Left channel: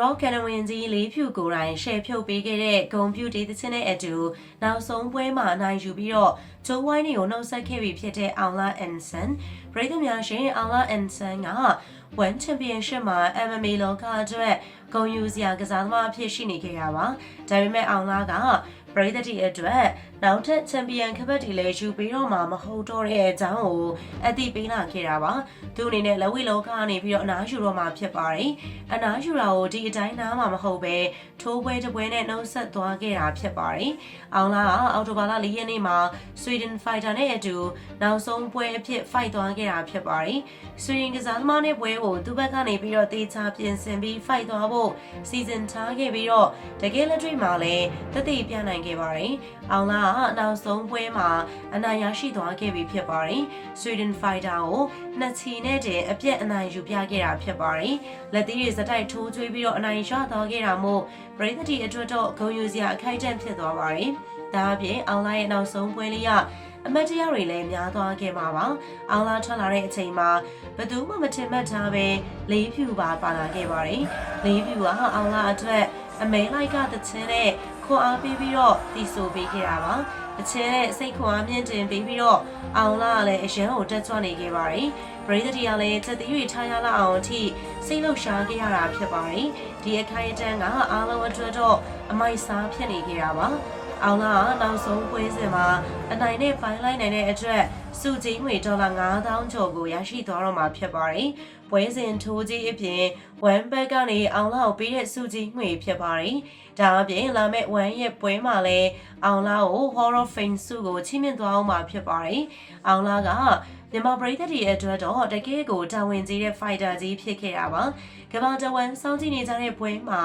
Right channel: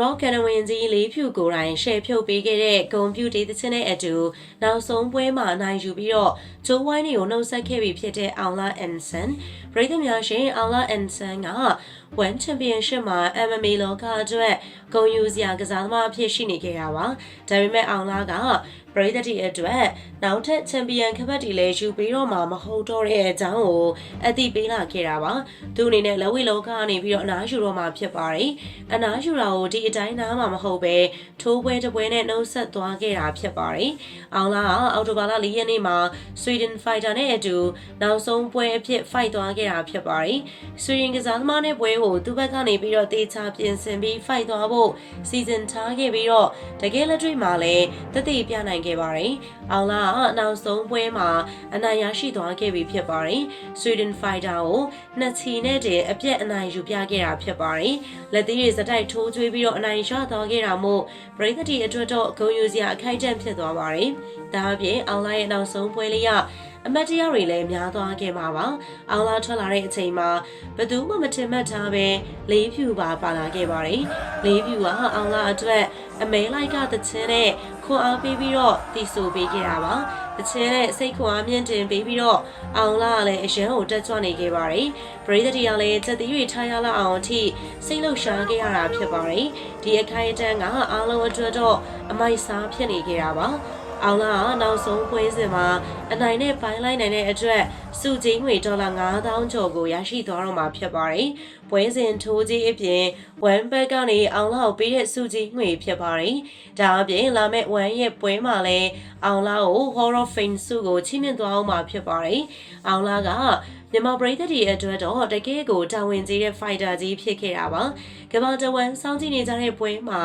Rock ကနဝင်ကြီးလေးဖြူကိုယ်တိုင်ရှယ်ဖြုတ်ပေးခဲ့တဲ့ဂုံပြူဒေးသချင်းနဲ့အတူနောက်ဆုံးပွဲမှာအနိုင်ယူပြီးတော့ဂျိုးဝိုင်းတွေကိုနှုတ်ဆက်ခဲ့ပြီဖြစ်တဲ့အောင်လာအန်ဆန်ပရိသတ်များရှင်အောင်လာအန်ဆန်က One Championship မှာ MMA လောကအတွက် ဂုဏ်ယူစရာကစားသမားအဖြစ်ရှိနေခဲ့တာပါဒါပေမဲ့အောင်လာကပရိသတ်တွေအတွက်နောက်ထပ်ချန်ပီယံခပတ်တီလည်းယူပြီးတော့မှမဟုတ်တော့တဲ့အကြောင်းကိုအသိပေးလာခဲ့တာပါသူအနေနဲ့လက်ဝိလောကကနေပြီးတော့အနားယူတော့မှဖြစ်ပါတယ်အနားယူတာကိုဒီအတိုင်းနားမှာမဟုတ်ပဲထိုးပွဲတစ်ပွဲနဲ့နှုတ်ဆက်သွားခဲ့တာဖြစ်ပါတယ်အောင်လာကအော်တိုဘာလ၄ရက်နေ့မှာ Sweden Fighter နဲ့အတူနောက်ဆုံးပွဲအဖြစ် fight သွားခဲ့တာဖြစ်ပါတယ်ဆွေရင်ကစားသမားနဲ့ပွဲကိုသူ့ဘက်ကနေပြီးတော့တေချာပြင်ဆင်ပြီး fight သွားဖို့စီစဉ်ထားခဲ့ပြီးတော့တကယ်လက်တွေ့မှာလည်းတသိပြနိုင်ခဲ့ပါတယ်။အောင်လာကနောက်ဆုံးပွဲမှာအနိုင်ရရှိသွားခဲ့ပြီဖြစ်ပါတယ်။ Sweden Fighter ကိုနှစ်ချီနဲ့တည်းအပြက်အနိုင်ယူပြခဲ့တာဖြစ်ပါတယ်။လက်သီးတွေစတိုက်ထိုးကျွေးပြီးတော့အနိုင်ရသွားခဲ့တာမို့ပရိသတ်တီအတွက်တော့ဂုဏ်ယူစရာအခိုက်အတန့်ဖြစ်သွားပါတယ်။ဒါအပြင်အောင်လာရဲ့နောက်ဆုံးပွဲလေးက အမတ်တရားတွေလည်းများသွားခဲ့မှာပါ။အောင်လာထွက်လာတဲ့အချိန်မှာဘယ်သူမှမထင်မှတ်ထားပဲလေးဖြူပါပါလာခဲ့ပါတယ်။လေးဖြူကအောင်လာအတွက်အမဲလိုက်ကတချင်းနဲ့ခွန်အားပေးပြီးတော့တီဆိုပေးခဲ့တာပါ။တချင်းနဲ့စိတ်ခွန်အားမြင့်တင်ပေးပြီးတော့အောင်လာကလည်းအရန်ကိုတက်ကြွနေခဲ့ပါတယ်။ပရိသတ်တီကလည်းတက်သေး၍ထားရလောက်အောင်အထိစိတ်လှုပ်ရှားခဲ့ရတာဖြစ်ပါတယ်။ဒီအခိုင်အတန်းကအားလုံးအတွက်တော့အမိုက်စားဖြစ်နေခဲ့တာပါ။ အောင်လာကနောက်ဆုံးပွဲစဉ်မှာအနိုင်နဲ့ပိုင်းလိုက်နိုင်တဲ့အတွက်စုကြီးငွေဒေါ်လာ9000ကျော်ကိုရရှိသွားတော့မှာဖြစ်ပါတယ်။ပွဲစဉ်ထိုးကြီးအပြင်ဝမ်ဘက်ကနေအောင်လာကိုပေးတဲ့စုကြီးငွေဖြစ်ပါတယ်။ဒါအပြင်လာမယ့်ဝမ်ရဲ့ပွဲမှာလည်းအောင်လာကို Hall of Fame စုကိုချီးမြှင့်သွားအောင်မှာဖြစ်ပါတယ်။အောင်လာကမြန်မာပရိသတ်တွေအတွက်တော့တကယ်ကိုတာဝန်ကြီးတဲ့ fighter ကြီးဖြစ်ခဲ့တာပါ။ကမ္ဘာတဝန်းစောင့်ကြည့်နေကြတဲ့ပွဲမှာ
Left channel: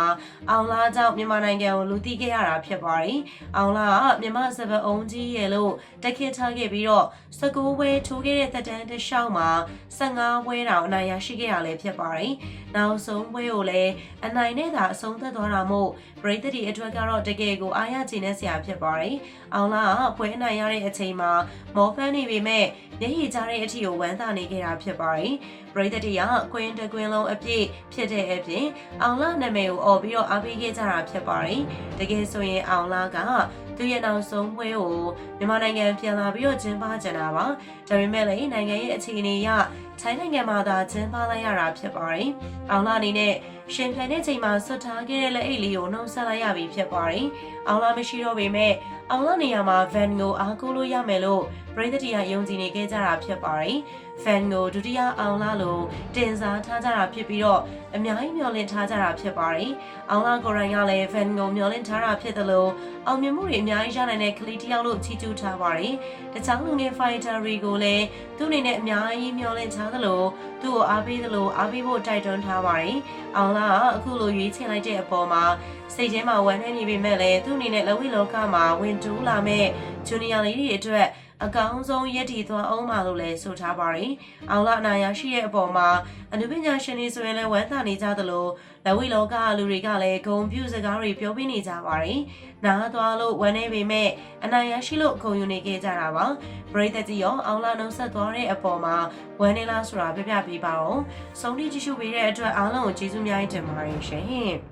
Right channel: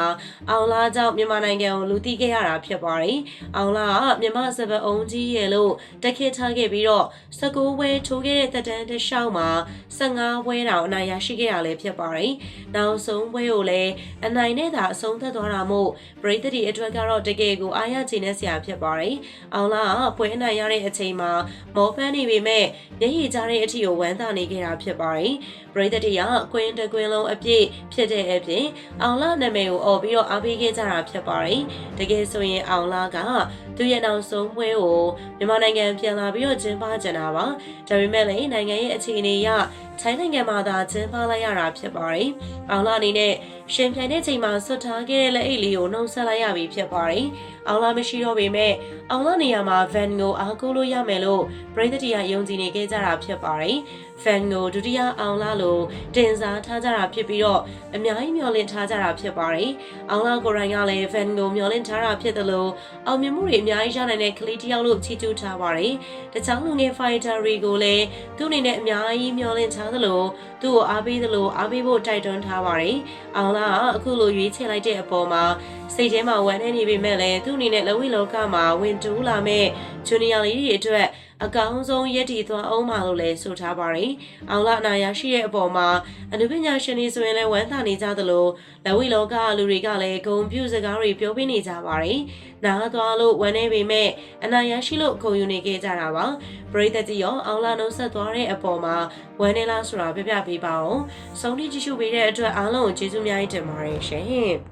အောင်လာကြောင့်မြန်မာနိုင်ငံကိုလူသိခဲ့ရတာဖြစ်ပါတယ်။အောင်လာကမြန်မာစပအုံးကြီးရဲ့လို့တက်ခေထားခဲ့ပြီးတော့19ပွဲထိုးခဲ့တဲ့တက်တန်းတစ်လျှောက်မှာ15ပွဲတောင်အနိုင်ရရှိခဲ့ရလဲဖြစ်ပါတယ်။နောက်ဆုံးပွဲကိုလည်းအနိုင်နဲ့သာအဆုံးသတ်သွားတာမို့ပရိသတ်တွေအတွက်ကတော့တကယ်ကိုအားရချင်တဲ့ဆရာဖြစ်ပါတယ်။အောင်လာကပွဲအနိုင်ရတဲ့အချိန်မှာမော်ဖန်နေပေမဲ့မျက်ရည်ကျတဲ့အထီကိုဝမ်းသာနေခဲ့တာဖြစ်ပါတယ်။ပရိသတ်တွေကကွင်းတကွင်းလုံးအပြည့်ဖြစ်တဲ့အပြင်အောင်လာနာမည်ကိုអော်ပြီးတော့အားပေးခဲ့ကြတာဖြစ်ပါတယ်။တကယ်ဆိုရင်အောင်လာကသူရဲ့နောက်ဆုံးပွဲကိုမြန်မာနိုင်ငံပြန်လာပြီးတော့ကျင်းပကြတာပါ။ဒါပေမဲ့လည်းနိုင်ငံရဲ့အခြေအနေအရ ထိုင်းနိုင်ငံမှာသာကျင်းပလိုက်ရတာဖြစ်ပါတယ်။အောင်လာအနေနဲ့ရှင်ပြန်တဲ့ချိန်မှာဆွတ်ထားခဲ့တဲ့လက်အိတ်လေးကိုနှုတ်ဆက်လိုက်ရပြီဖြစ်ပါတယ်။အောင်လာမရှိတော့ပေမဲ့အောင်လာနေရာမှာ van ကိုအားကိုးလို့ရမယ်လို့ပရိသတ်တွေကယုံကြည်နေခဲ့ကြတာဖြစ်ပါတယ်။ fan ကိုဒုတိယအောင်လာလို့တင်စားထားကြတာဖြစ်ပြီးတော့အများကြီးမျှော်လင့်ထားကြတာဖြစ်ပါတယ်။အောင်လာကိုရိုင်းကလည်း fan ကိုမျှော်လင့်ထားတာဖြစ်တယ်လို့အောင်မြင်မှုတွေအများကြီးရနိုင်တဲ့ကလေးတစ်ယောက်လို့ချီးကျူးထားပါတယ်။တခြားလူငယ် fighter တွေကိုလည်းသူ့အနေနဲ့အများကြီးမျှော်လင့်ထားသလိုသူ့ကိုအားပေးသလိုအားပေးဖို့တိုက်တွန်းထားပါတယ်။အောင်လာကအခုလိုရွေးချယ်လိုက်တဲ့အပေါ်မှာစိတ်ထဲမှာဝမ်းနည်းနေပေမဲ့လည်းသူ့အနေနဲ့လဝိလောကမှာဝင်တူးလာမဲ့ဂျူနီယာလေးတွေအတွက် အကောင်းဆုံးရည်တည်သွားအောင်ပါလို့လည်းဆိုထားပါတယ်။အောင်လာနာရရှိတဲ့အပေါ်မှာအနုပညာရှင်တွေဆိုရင်လည်းဝမ်းသာနေကြသလိုလက်ဝိလောကလူတွေကလည်းဂုံပြူစကားတွေပြောပြနေကြပါတယ်။နားသွားလို့ဝမ်းနေပေမဲ့အနာရရှိလို့ဂုံယူနေခဲ့ကြတာပါ။ပရိသတ်ကြီးရောအောင်လာနှုတ်ဆက်သွားတဲ့အပေါ်မှာဝမ်းနေလားဆိုတာပြပြပေးပါအောင်။ဆုံးဖြတ်ကြည့်ရှုပေးတဲ့အတွက်အားလုံးကိုကျေးဇူးများတင်ပါတယ်ရှင်။